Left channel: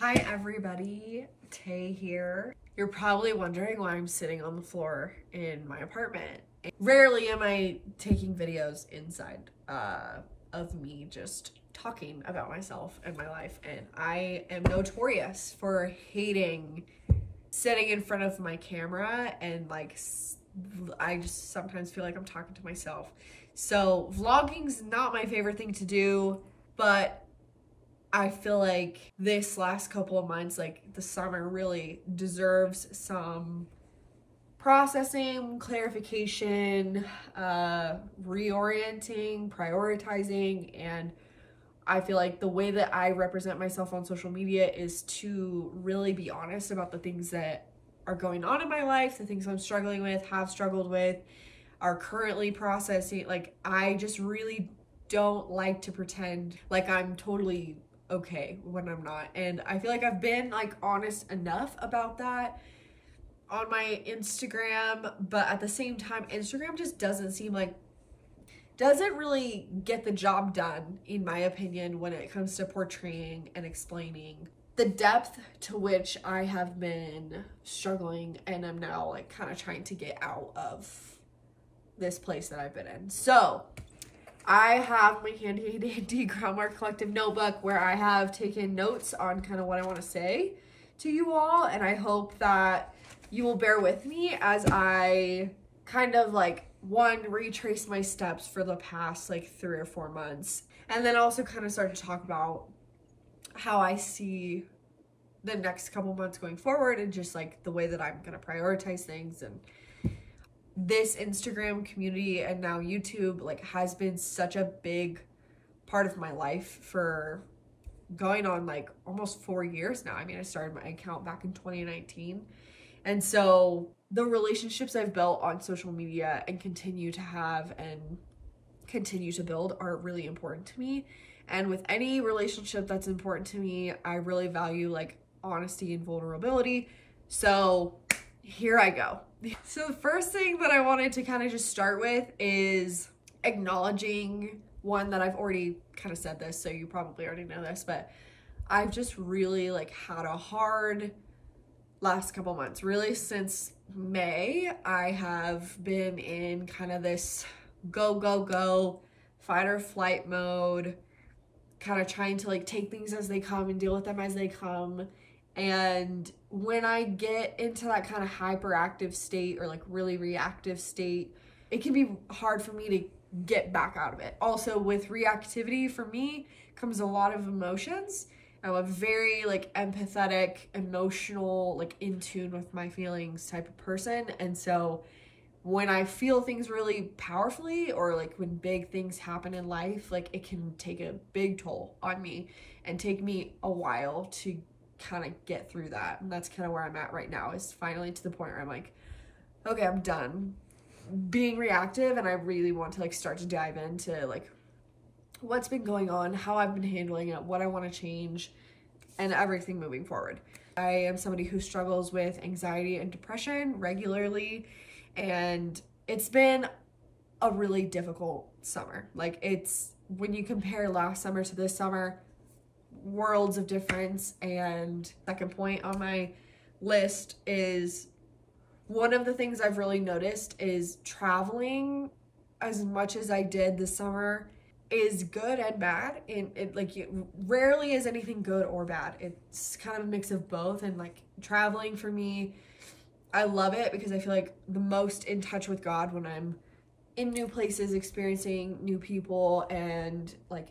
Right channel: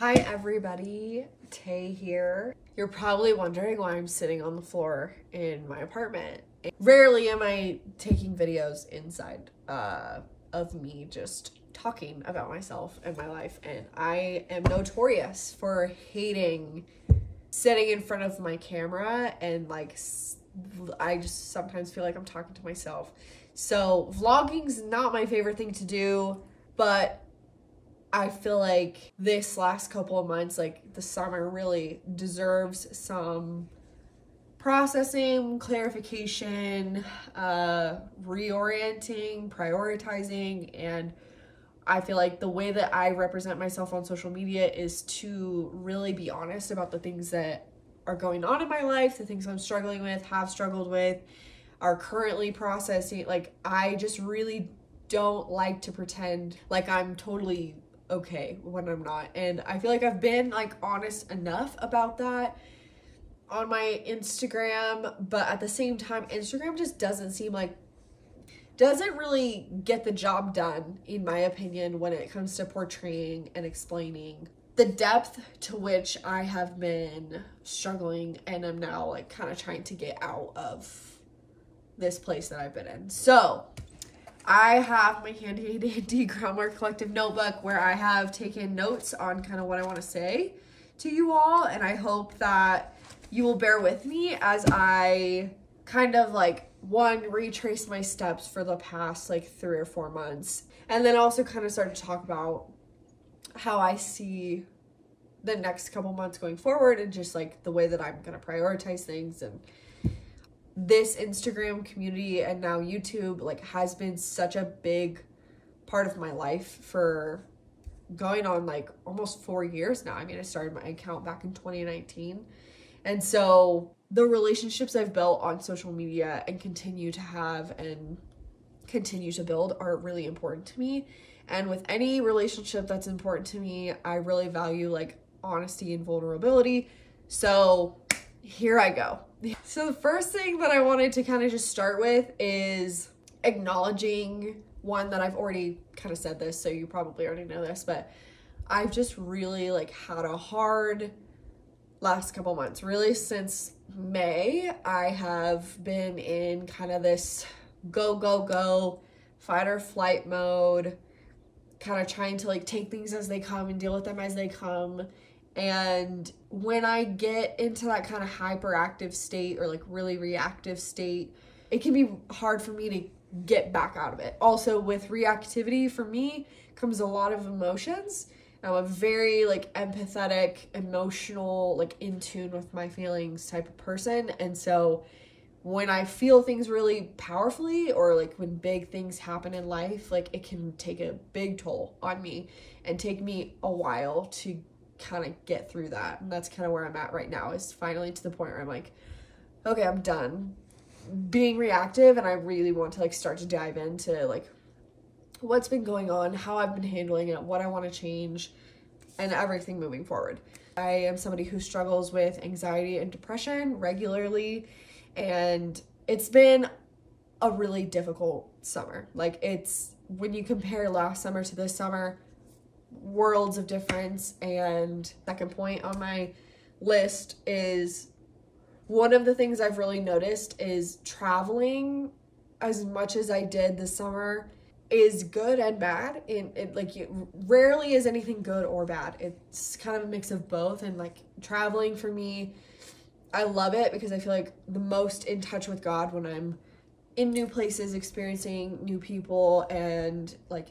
Hi everybody, Tay here. You're probably wondering why I'm sitting on the floor in my apartment. Rarely am I taking videos inside of me just talking about myself and my life, and I am notorious for hating sitting in front of my camera, and like I just sometimes feel like I'm talking to myself. So vlogging's not my favorite thing to do, but I feel like this last couple of months, like the summer, really deserves some processing, clarification, reorienting, prioritizing, and I feel like the way that I represent myself on social media is to really be honest about the things that are going on in my life, the things I'm struggling with, have struggled with, are currently processing. Like, I just really don't like to pretend like I'm totally okay when I'm not, and I feel like I've been like honest enough about that on my Instagram, but at the same time Instagram just doesn't really get the job done, in my opinion, when it comes to portraying and explaining the depth to which I have been struggling and am now like kind of trying to get out of this place that I've been in. So I have my handy dandy Groundwork Collective notebook where I have taken notes on kind of what I want to say to you all, and I hope that you will bear with me as I kind of like retrace my steps for the past like 3 or 4 months, and then also kind of start to talk about how I see the next couple months going forward, and just like the way that I'm going to prioritize things. And this Instagram community and now YouTube like has been such a big part of my life for going on like almost 4 years now. I mean, I started my account back in 2019. And so the relationships I've built on social media and continue to have and continue to build are really important to me. And with any relationship that's important to me, I really value like honesty and vulnerability. So here I go. So the first thing that I wanted to kind of just start with is acknowledging one that I've already kind of said this, so you probably already know this, but I've just really like had a hard last couple months. Really since May, I have been in kind of this go, fight or flight mode, kind of trying to like take things as they come and deal with them as they come. And when I get into that kind of hyperactive state or like really reactive state, it can be hard for me to get back out of it. Also, with reactivity, for me, comes a lot of emotions. I'm a very like empathetic, emotional, like in tune with my feelings type of person. And so when I feel things really powerfully, or like when big things happen in life, like it can take a big toll on me and take me a while to kind of get through that. And that's kind of where I'm at right now, is finally to the point where I'm like, okay, I'm done being reactive, and I really want to like start to dive into like what's been going on, how I've been handling it, what I want to change, and everything moving forward. I am somebody who struggles with anxiety and depression regularly, and it's been a really difficult summer. Like, it's, when you compare last summer to this summer, worlds of difference. And second point on my list is, one of the things I've really noticed is traveling as much as I did this summer is good and bad. And it like, it rarely is anything good or bad. It's kind of a mix of both. And like, traveling for me, I love it because I feel like the most in touch with God when I'm in new places, experiencing new people, and like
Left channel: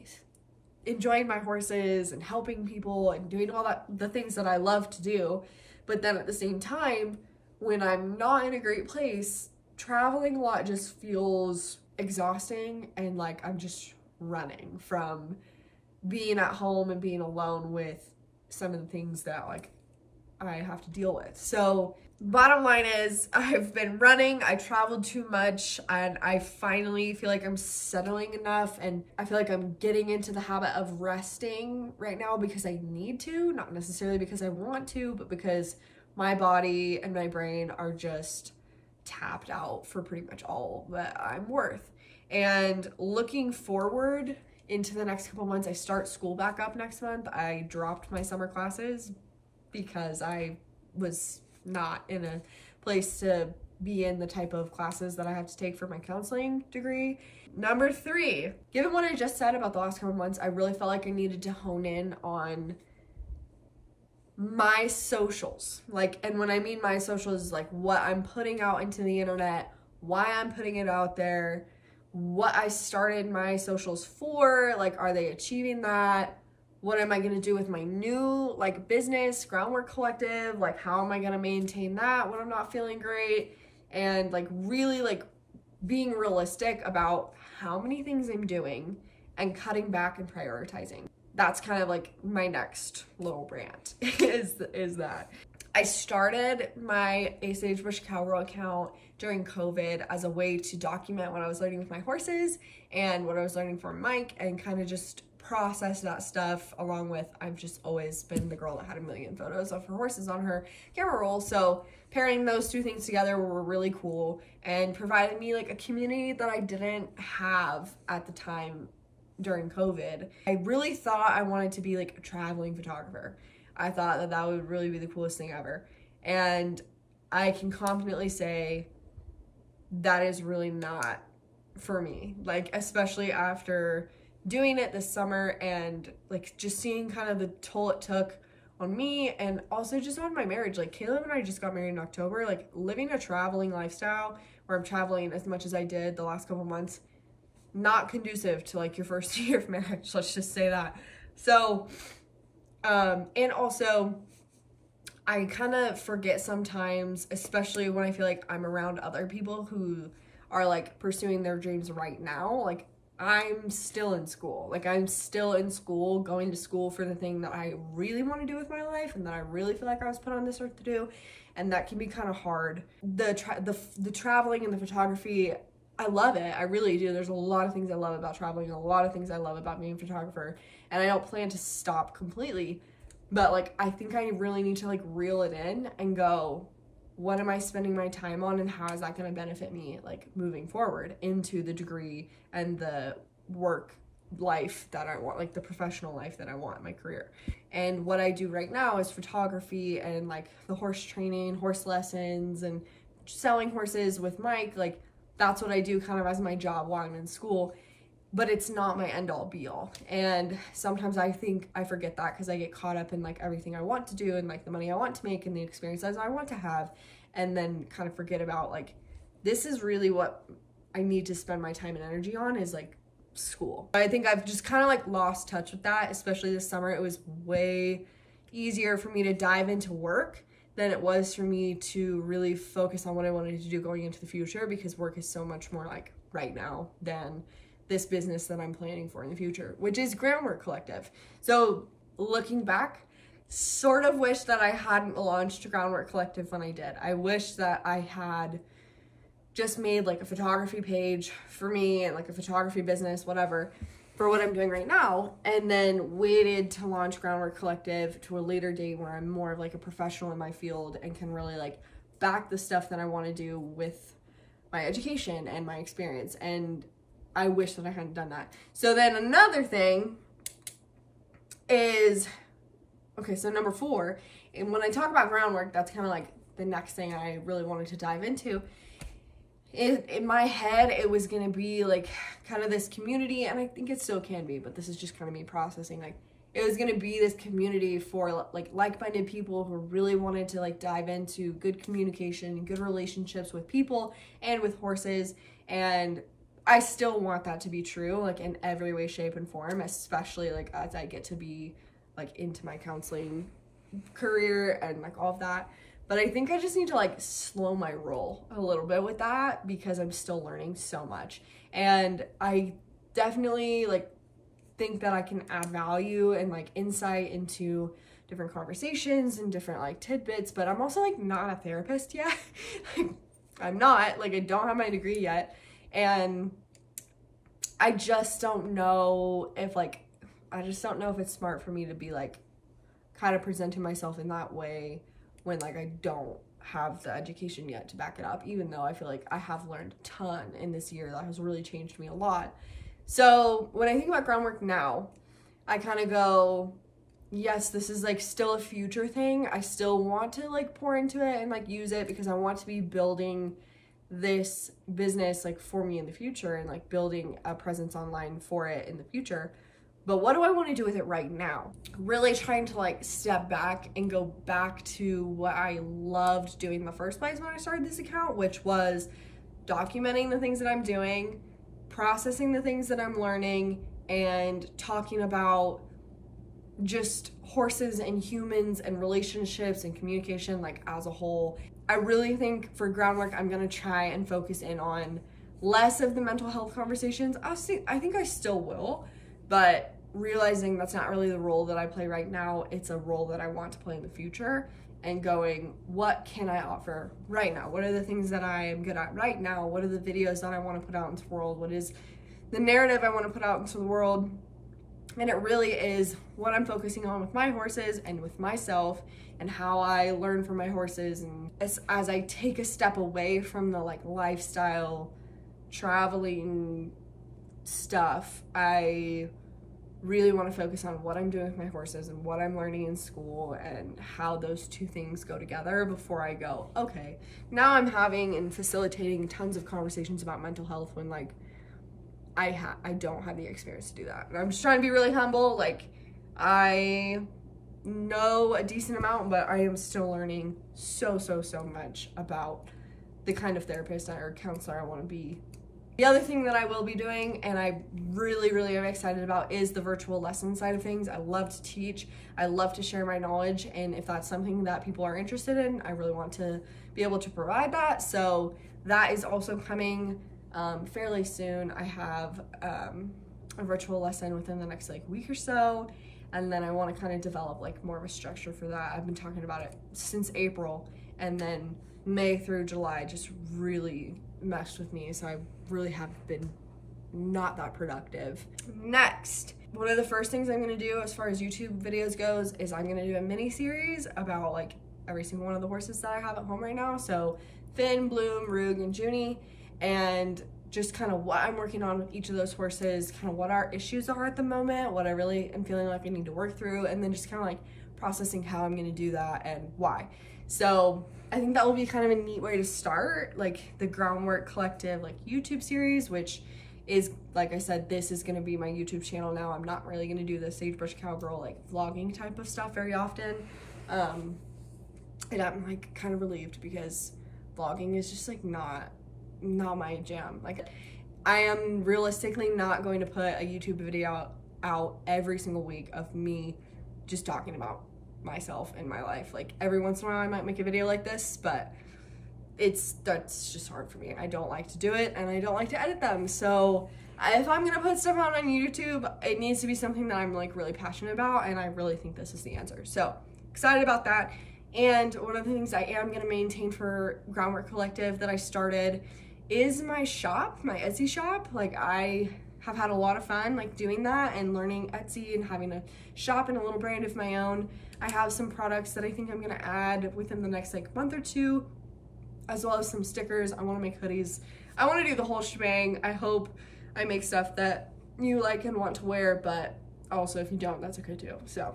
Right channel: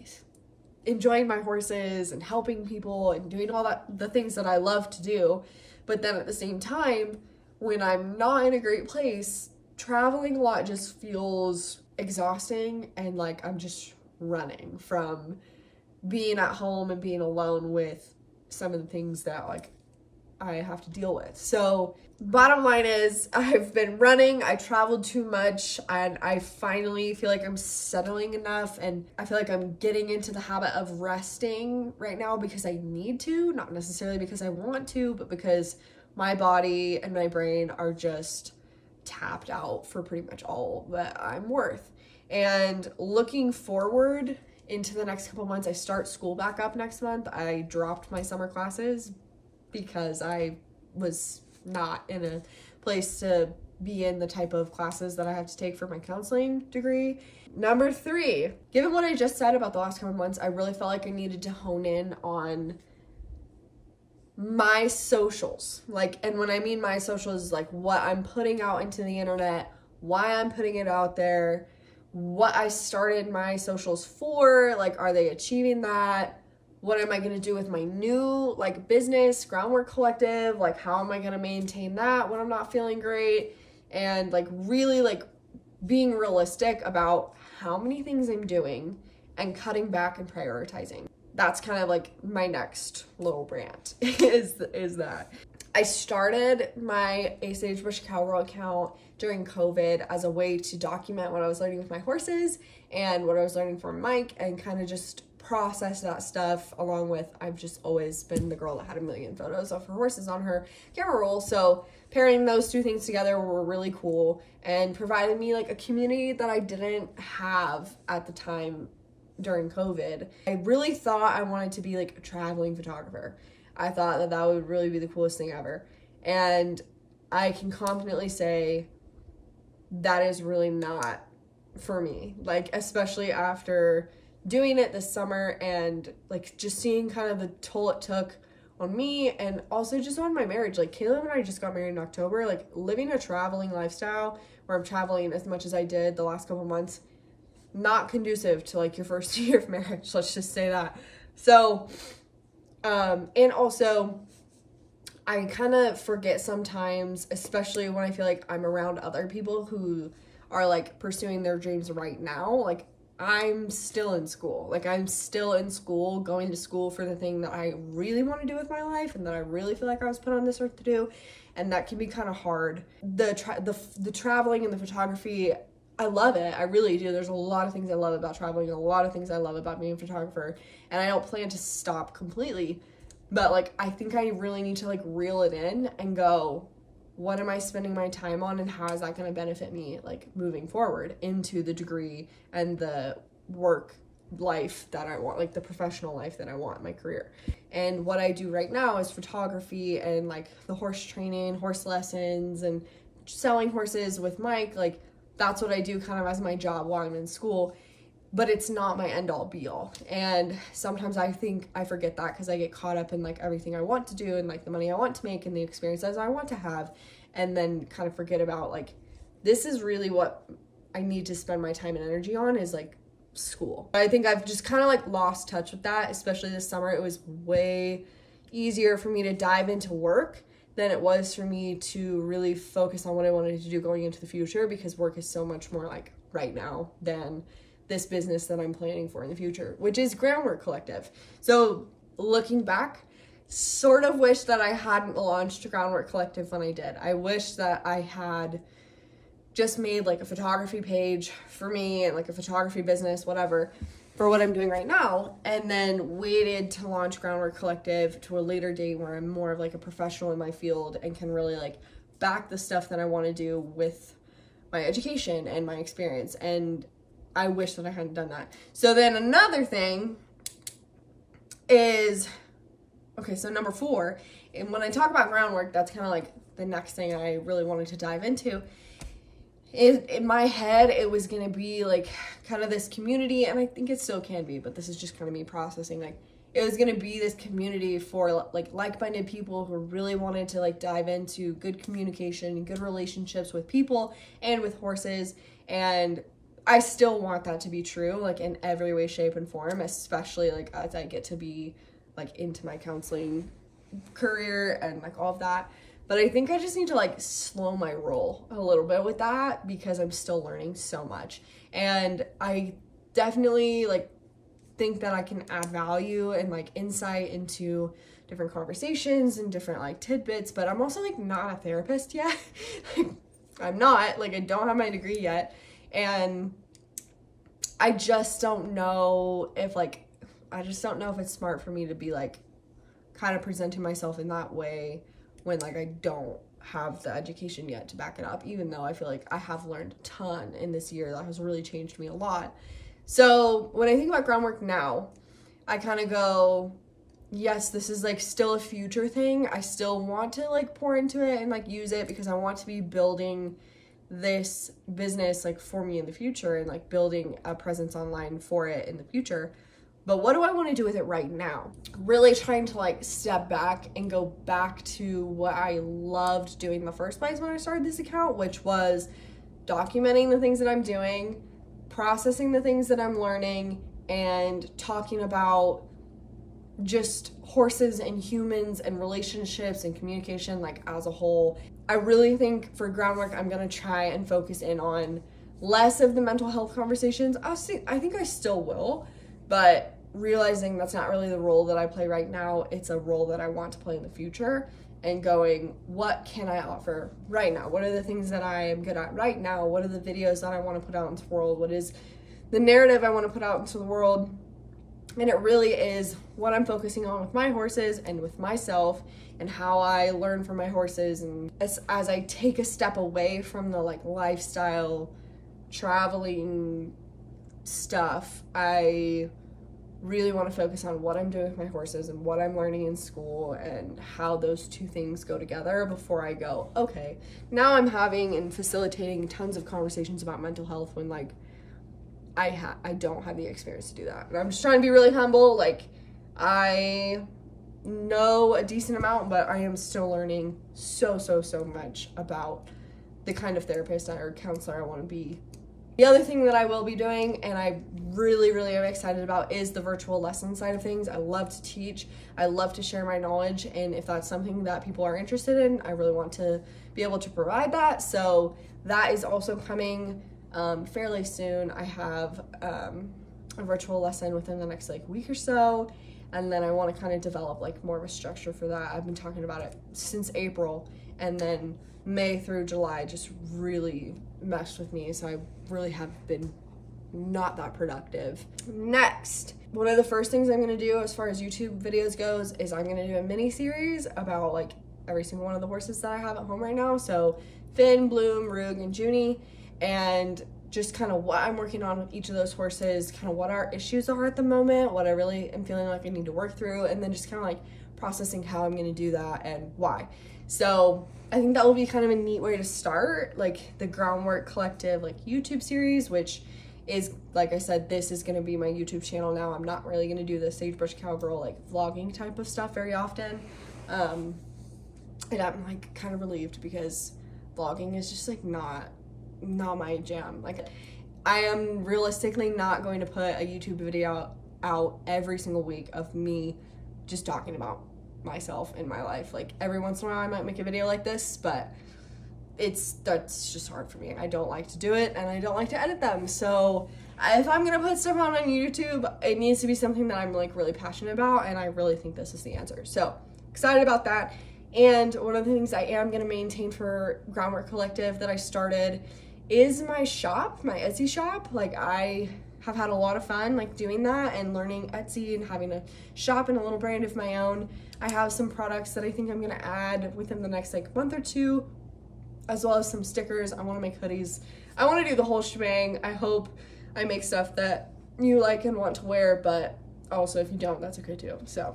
enjoying my horses and helping people and doing all that, the things that I love to do. But then at the same time, when I'm not in a great place, traveling a lot just feels exhausting, and like I'm just running from being at home and being alone with some of the things that like I have to deal with. So bottom line is, I've been running, I traveled too much, and I finally feel like I'm settling enough, and I feel like I'm getting into the habit of resting right now because I need to, not necessarily because I want to, but because my body and my brain are just tapped out for pretty much all that I'm worth. And looking forward into the next couple months. I start school back up next month. I dropped my summer classes because I was not in a place to be in the type of classes that I have to take for my counseling degree. Number 3, given what I just said about the last couple months, I really felt like I needed to hone in on my socials. Like, and when I mean my socials, is like what I'm putting out into the internet, why I'm putting it out there, what I started my socials for, like, are they achieving that? What am I going to do with my new, like, business, Groundwork Collective? Like, how am I going to maintain that when I'm not feeling great? And, like, really, like, being realistic about how many things I'm doing and cutting back and prioritizing. That's kind of, like, my next little rant is that. I started my A Sagebrush Cowgirl account during COVID as a way to document what I was learning with my horses and what I was learning from Mike, and kind of just process that stuff, along with, I've just always been the girl that had a million photos of her horses on her camera roll. So pairing those two things together were really cool and provided me like a community that I didn't have at the time during COVID. I really thought I wanted to be like a traveling photographer. I thought that that would really be the coolest thing ever. And I can confidently say that is really not for me. Like, especially after doing it this summer and like just seeing kind of the toll it took on me and also just on my marriage. Like, Caleb and I just got married in October. Like, living a traveling lifestyle where I'm traveling as much as I did the last couple months, not conducive to like your first year of marriage, let's just say that. So and also I kind of forget sometimes, especially when I feel like I'm around other people who are like pursuing their dreams right now. Like, I'm still in school. Like, I'm still in school, going to school for the thing that I really want to do with my life and that I really feel like I was put on this earth to do. And that can be kind of hard. The traveling and the photography, I love it. I really do. There's a lot of things I love about traveling, and a lot of things I love about being a photographer. And I don't plan to stop completely. But like, I think I really need to like reel it in and go, what am I spending my time on, and how is that going to benefit me like moving forward into the degree and the work life that I want, like the professional life that I want in my career. And what I do right now is photography and like the horse training, horse lessons, and selling horses with Mike. Like, that's what I do kind of as my job while I'm in school. But it's not my end all be all. And sometimes I think I forget that because I get caught up in like everything I want to do and like the money I want to make and the experiences I want to have, and then kind of forget about like, this is really what I need to spend my time and energy on, is like school. I think I've just kind of like lost touch with that, especially this summer. It was way easier for me to dive into work than it was for me to really focus on what I wanted to do going into the future, because work is so much more like right now than this business that I'm planning for in the future, which is Groundwork Collective. So looking back, sort of wish that I hadn't launched Groundwork Collective when I did. I wish that I had just made like a photography page for me and like a photography business, whatever, for what I'm doing right now, and then waited to launch Groundwork Collective to a later date where I'm more of like a professional in my field and can really like back the stuff that I want to do with my education and my experience. And I wish that I hadn't done that. So then another thing is, okay, so number 4, and when I talk about groundwork, that's kind of like the next thing I really wanted to dive into. In my head, it was going to be like kind of this community, and I think it still can be, but this is just kind of me processing. Like, it was going to be this community for like like-minded people who really wanted to like dive into good communication and good relationships with people and with horses. And I still want that to be true, like in every way, shape, and form, especially like as I get to be like into my counseling career and like all of that. But I think I just need to like slow my roll a little bit with that, because I'm still learning so much. And I definitely like think that I can add value and like insight into different conversations and different like tidbits, but I'm also like not a therapist yet. I'm not, like, I don't have my degree yet. And I just don't know if like, I just don't know if it's smart for me to be like kind of presenting myself in that way when like I don't have the education yet to back it up, even though I feel like I have learned a ton in this year that has really changed me a lot. So when I think about groundwork now, I kind of go, yes, this is like still a future thing. I still want to like pour into it and like use it because I want to be building this business like for me in the future and like building a presence online for it in the future. But what do I want to do with it right now? Really trying to like step back and go back to what I loved doing in the first place when I started this account, which was documenting the things that I'm doing, processing the things that I'm learning, and talking about just horses and humans and relationships and communication like as a whole. I really think for groundwork, I'm gonna try and focus in on less of the mental health conversations. I think I still will, but realizing that's not really the role that I play right now. It's a role that I want to play in the future, and going, what can I offer right now? What are the things that I am good at right now? What are the videos that I want to put out into the world? What is the narrative I want to put out into the world? And it really is what I'm focusing on with my horses and with myself, and how I learn from my horses. And as I take a step away from the like lifestyle traveling stuff, I really want to focus on what I'm doing with my horses and what I'm learning in school and how those two things go together before I go, okay, now I'm having and facilitating tons of conversations about mental health when like I don't have the experience to do that. And I'm just trying to be really humble. Like, I know a decent amount, but I am still learning so much about the kind of therapist or counselor I want to be. The other thing that I will be doing, and I really am excited about, is the virtual lesson side of things. I love to teach. I love to share my knowledge, and if that's something that people are interested in, I really want to be able to provide that. So that is also coming fairly soon. I have a virtual lesson within the next like week or so, and then I want to kind of develop like more of a structure for that. I've been talking about it since April, and then May through July just really messed with me, so I really have been not that productive. Next, one of the first things I'm gonna do as far as YouTube videos goes is I'm gonna do a mini series about like every single one of the horses that I have at home right now. So Finn, Bloom, Rug, and Junie, and just kind of what I'm working on with each of those horses, kind of what our issues are at the moment, what I really am feeling like I need to work through, and then just kind of like processing how I'm gonna do that and why. So I think that will be kind of a neat way to start like the Groundwork Collective like YouTube series, which is, like I said, this is gonna be my YouTube channel now. I'm not really gonna do the Sagebrush Cowgirl like vlogging type of stuff very often. And I'm like kind of relieved because vlogging is just like not my jam. Like, I am realistically not going to put a YouTube video out every single week of me just talking about myself and my life. Like, every once in a while I might make a video like this, but that's just hard for me. I don't like to do it, and I don't like to edit them. So if I'm gonna put stuff on YouTube, it needs to be something that I'm like really passionate about, and I really think this is the answer. So excited about that. And one of the things I am gonna maintain for Groundwork Collective that I started is my shop, my Etsy shop. Like, I have had a lot of fun like doing that and learning Etsy and having a shop and a little brand of my own. I have some products that I think I'm gonna add within the next like month or two, as well as some stickers. I wanna make hoodies. I wanna do the whole shebang. I hope I make stuff that you like and want to wear, but also if you don't, that's okay too. So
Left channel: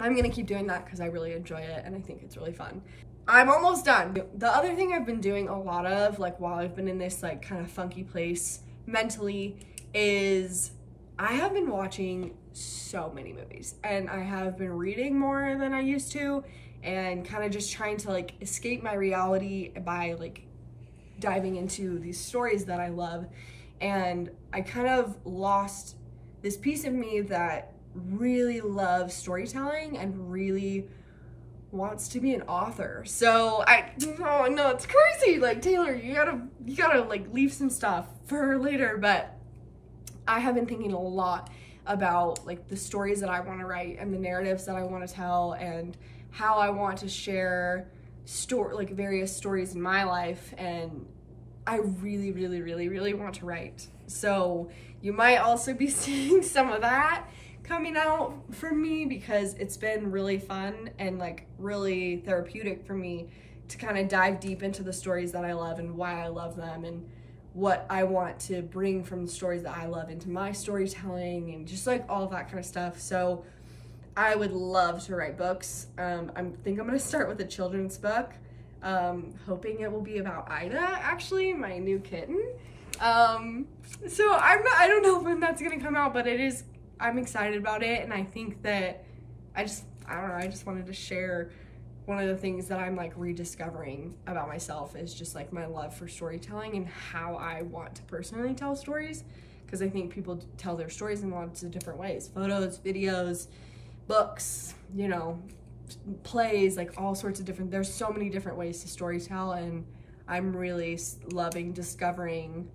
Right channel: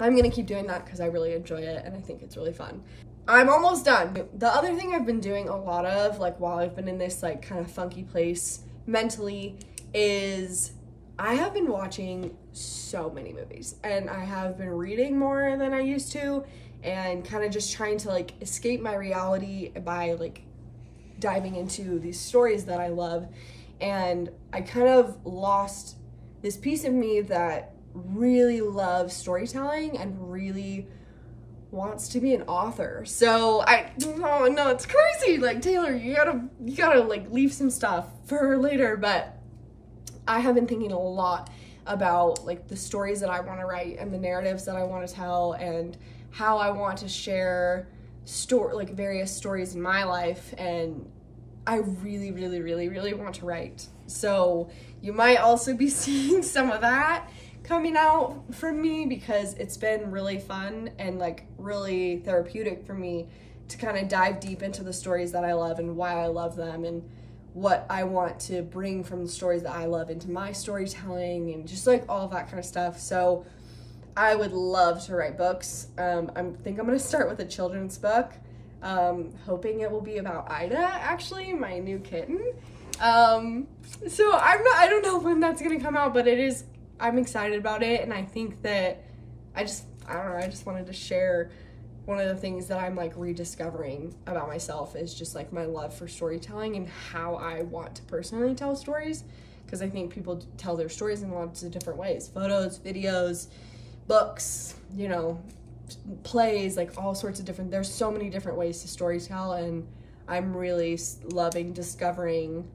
I'm gonna keep doing that because I really enjoy it and I think it's really fun. I'm almost done. The other thing I've been doing a lot of, like while I've been in this like kind of funky place mentally, is I have been watching so many movies, and I have been reading more than I used to, and kind of just trying to like escape my reality by like diving into these stories that I love. And I kind of lost this piece of me that really loves storytelling and really wants to be an author. So oh no, it's crazy. Like, Taylor, you gotta like leave some stuff for later. But I have been thinking a lot about like the stories that I want to write and the narratives that I want to tell and how I want to share like various stories in my life. And I really want to write. So you might also be seeing some of that coming out from me, because it's been really fun and like really therapeutic for me to kind of dive deep into the stories that I love and why I love them and what I want to bring from the stories that I love into my storytelling, and just like all of that kind of stuff. So I would love to write books. I think I'm gonna start with a children's book, hoping it will be about Ida, actually, my new kitten. So I don't know when that's gonna come out, but I'm excited about it, and I think that I don't know, I just wanted to share one of the things that I'm like rediscovering about myself is just like my love for storytelling and how I want to personally tell stories, because I think people tell their stories in lots of different ways: photos, videos, books, you know, plays, like all sorts of different, there's so many different ways to storytell, and I'm really loving discovering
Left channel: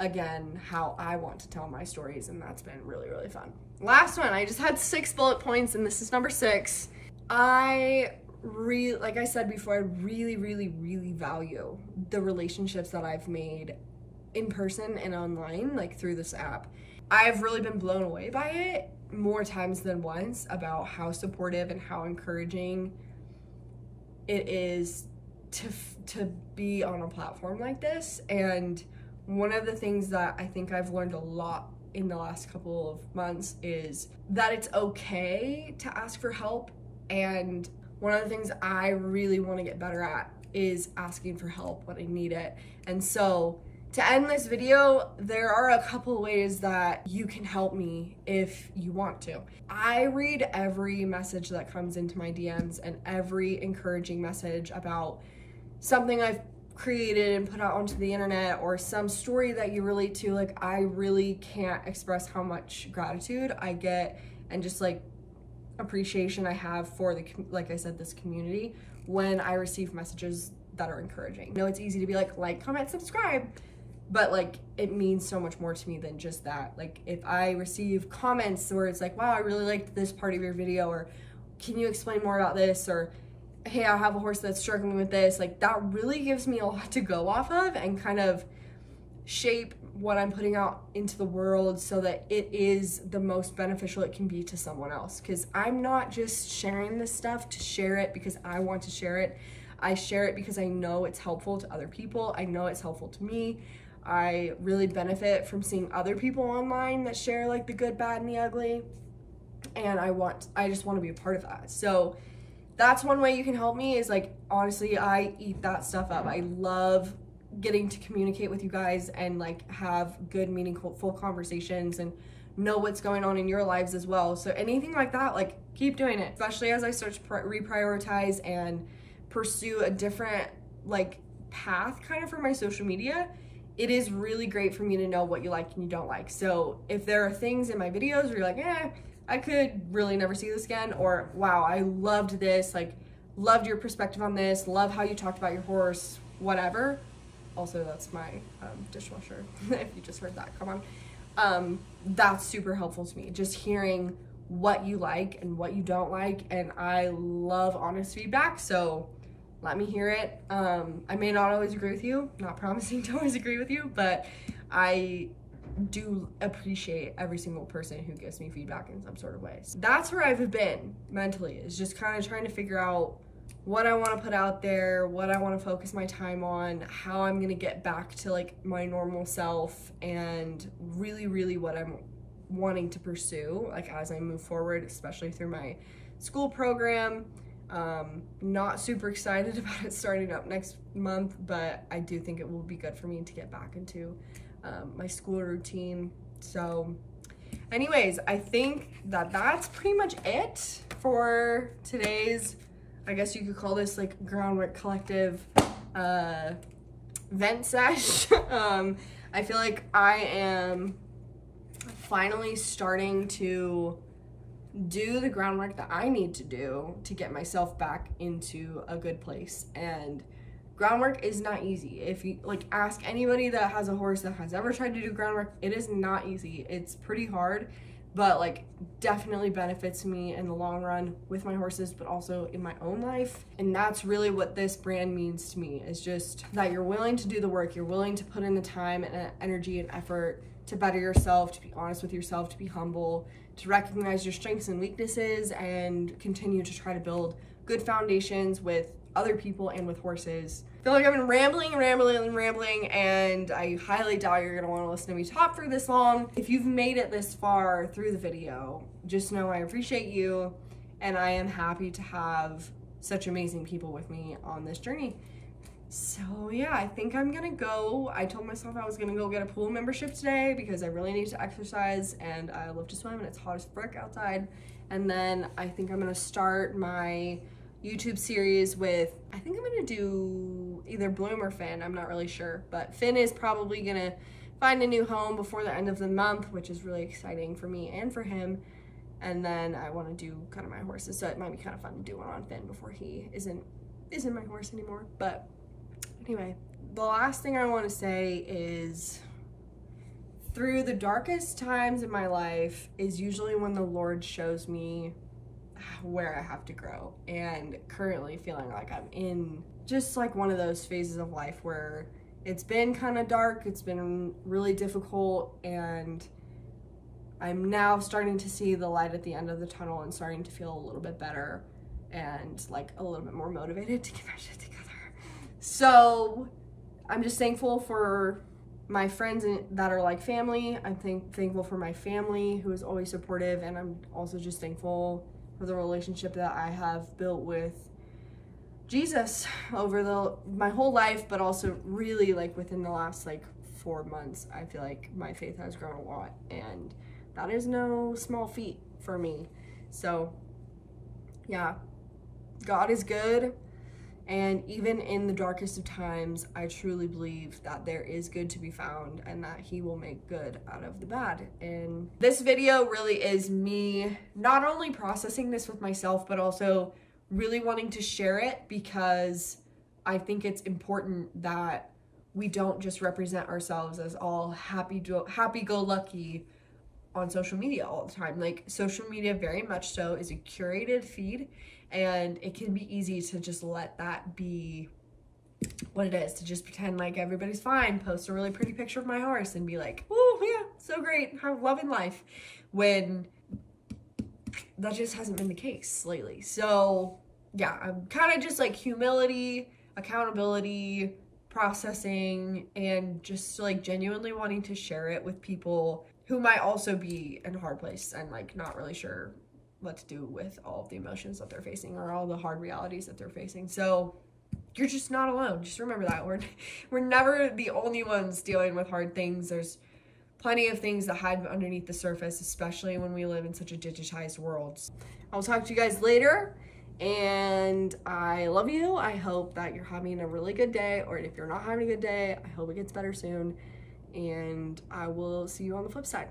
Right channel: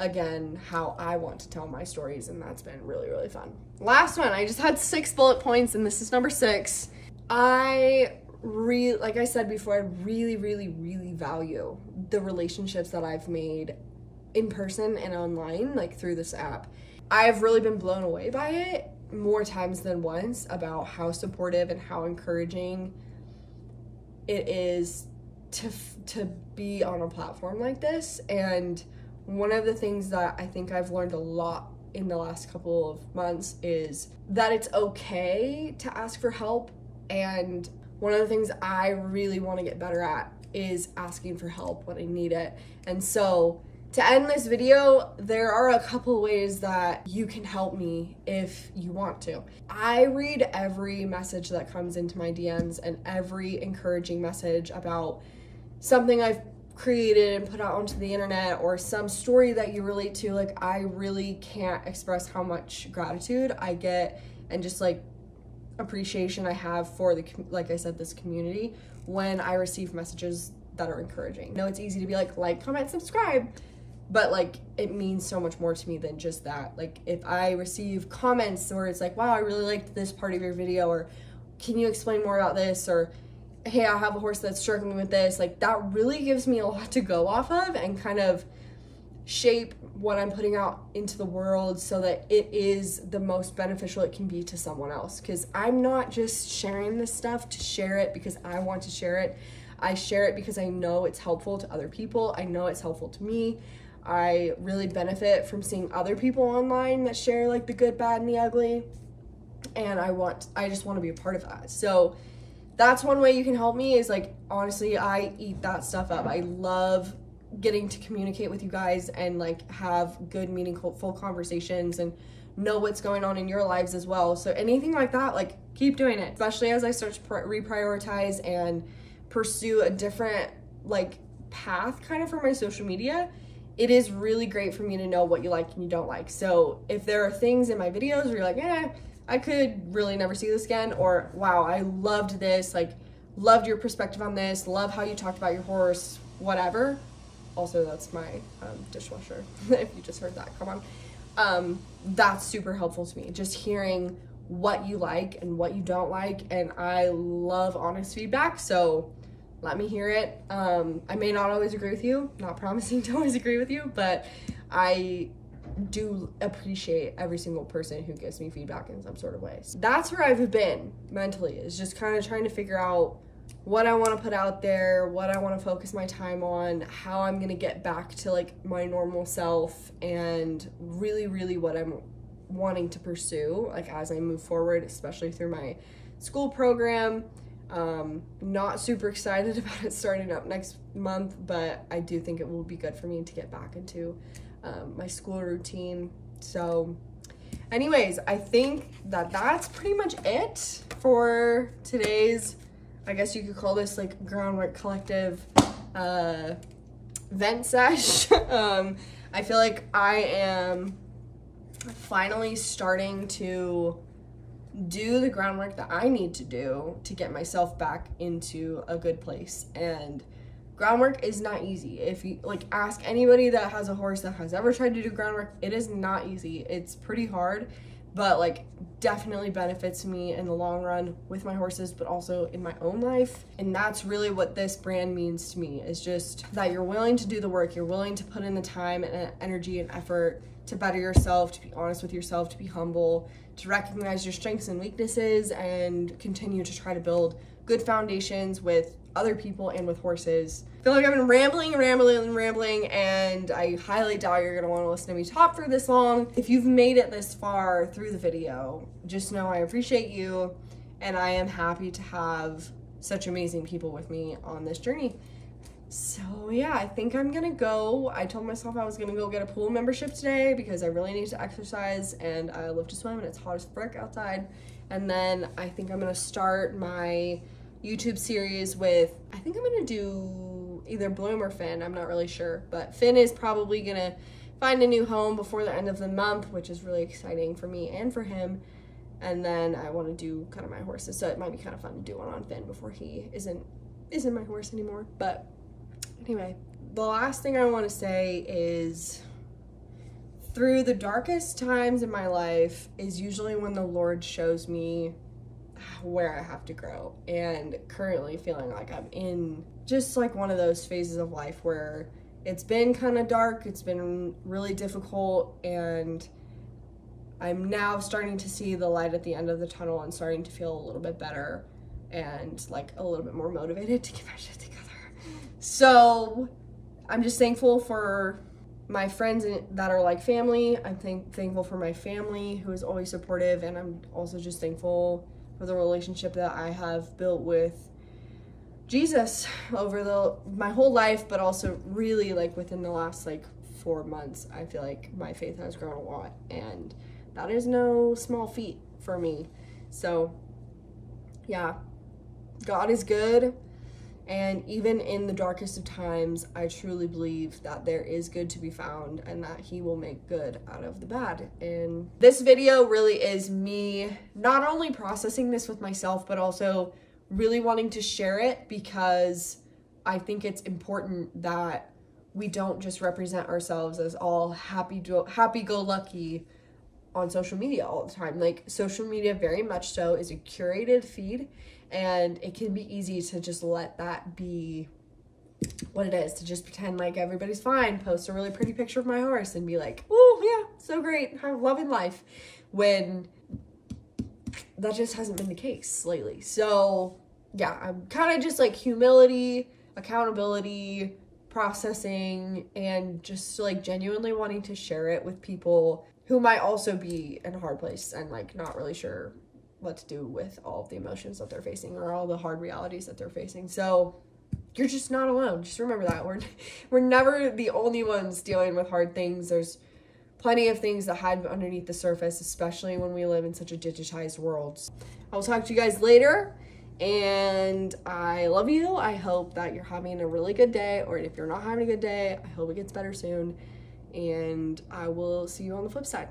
again how I want to tell my stories, and that's been really, really fun. Last one, I just had 6 bullet points, and this is number 6. Like I said before, I really, really, really value the relationships that I've made in person and online, like through this app. I've really been blown away by it more times than once about how supportive and how encouraging it is to be on a platform like this. And one of the things that I think I've learned a lot in the last couple of months is that it's okay to ask for help. And one of the things I really want to get better at is asking for help when I need it. And so to end this video, there are a couple ways that you can help me if you want to. I read every message that comes into my DMs and every encouraging message about something I've created and put out onto the internet, or some story that you relate to. Like, I really can't express how much gratitude I get and just like appreciation I have for like I said, this community when I receive messages that are encouraging. I know it's easy to be like, comment, subscribe, but like it means so much more to me than just that. Like, if I receive comments where it's like, wow, I really liked this part of your video, or can you explain more about this, or hey, I have a horse that's struggling with this, like that really gives me a lot to go off of and kind of shape what I'm putting out into the world so that it is the most beneficial it can be to someone else. Because I'm not just sharing this stuff to share it because I want to share it. I share it because I know it's helpful to other people. I know it's helpful to me. I really benefit from seeing other people online that share like the good, bad, and the ugly. And I just want to be a part of that. So that's one way you can help me, is like, honestly, I eat that stuff up. I love getting to communicate with you guys and like have good, meaningful, full conversations and know what's going on in your lives as well. So anything like that, like, keep doing it, especially as I start to reprioritize and pursue a different like path kind of for my social media. It is really great for me to know what you like and you don't like. So if there are things in my videos where you're like, I could really never see this again, or wow, I loved this, like loved your perspective on this, love how you talked about your horse, whatever. Also, that's my dishwasher, if you just heard that, come on. That's super helpful to me, just hearing what you like and what you don't like, and I love honest feedback, so let me hear it. I may not always agree with you, not promising to always agree with you, but I do appreciate every single person who gives me feedback in some sort of way. So that's where I've been mentally, is just kind of trying to figure out what I want to put out there, what I want to focus my time on, how I'm going to get back to like my normal self, and really, really what I'm wanting to pursue like as I move forward, especially through my school program. Not super excited about it starting up next month, but I do think it will be good for me to get back into my school routine. So anyways, I think that that's pretty much it for today's, I guess you could call this like Groundwork Collective vent sesh. I feel like I am finally starting to do the groundwork that I need to do to get myself back into a good place. And groundwork is not easy. If you like ask anybody that has a horse that has ever tried to do groundwork, it is not easy. It's pretty hard, but like definitely benefits me in the long run with my horses, but also in my own life. And that's really what this brand means to me, is just that you're willing to do the work, you're willing to put in the time and energy and effort to better yourself, to be honest with yourself, to be humble, to recognize your strengths and weaknesses, and continue to try to build good foundations with other people and with horses. I feel like I've been rambling, and I highly doubt you're gonna wanna listen to me talk for this long. If you've made it this far through the video, just know I appreciate you, and I am happy to have such amazing people with me on this journey. So yeah, I think I'm gonna go. I told myself I was gonna go get a pool membership today because I really need to exercise and I love to swim and it's hot as frick outside. And then I think I'm gonna start my YouTube series with, I think I'm gonna do either Bloom or Finn, I'm not really sure, but Finn is probably gonna find a new home before the end of the month, which is really exciting for me and for him. And then I wanna do kind of my horses, so it might be kind of fun to do one on Finn before he isn't my horse anymore. But anyway, the last thing I want to say is, through the darkest times in my life is usually when the Lord shows me where I have to grow. And currently feeling like I'm in just like one of those phases of life where it's been kind of dark, it's been really difficult, and I'm now starting to see the light at the end of the tunnel and starting to feel a little bit better and like a little bit more motivated to get my shit together. So I'm just thankful for my friends that are like family. I'm thankful for my family who is always supportive, and I'm also just thankful for the relationship that I have built with Jesus over my whole life, but also really like within the last like 4 months, I feel like my faith has grown a lot, and that is no small feat for me. So yeah, God is good. And even in the darkest of times, I truly believe that there is good to be found and that he will make good out of the bad. And this video really is me not only processing this with myself, but also really wanting to share it, because I think it's important that we don't just represent ourselves as all happy-go-lucky on social media all the time. Like, social media very much so is a curated feed, and it can be easy to just let that be what it is, to just pretend like everybody's fine, post a really pretty picture of my horse and be like, oh yeah, so great, I'm loving life, when that just hasn't been the case lately. So yeah, I'm kind of just like humility, accountability, processing, and just like genuinely wanting to share it with people who might also be in a hard place and like not really sure what to do with all of the emotions that they're facing or all the hard realities that they're facing. So you're just not alone. Just remember that we're never the only ones dealing with hard things. There's plenty of things that hide underneath the surface, especially when we live in such a digitized world. I'll talk to you guys later, and I love you. I hope that you're having a really good day, or if you're not having a good day, I hope it gets better soon, and I will see you on the flip side.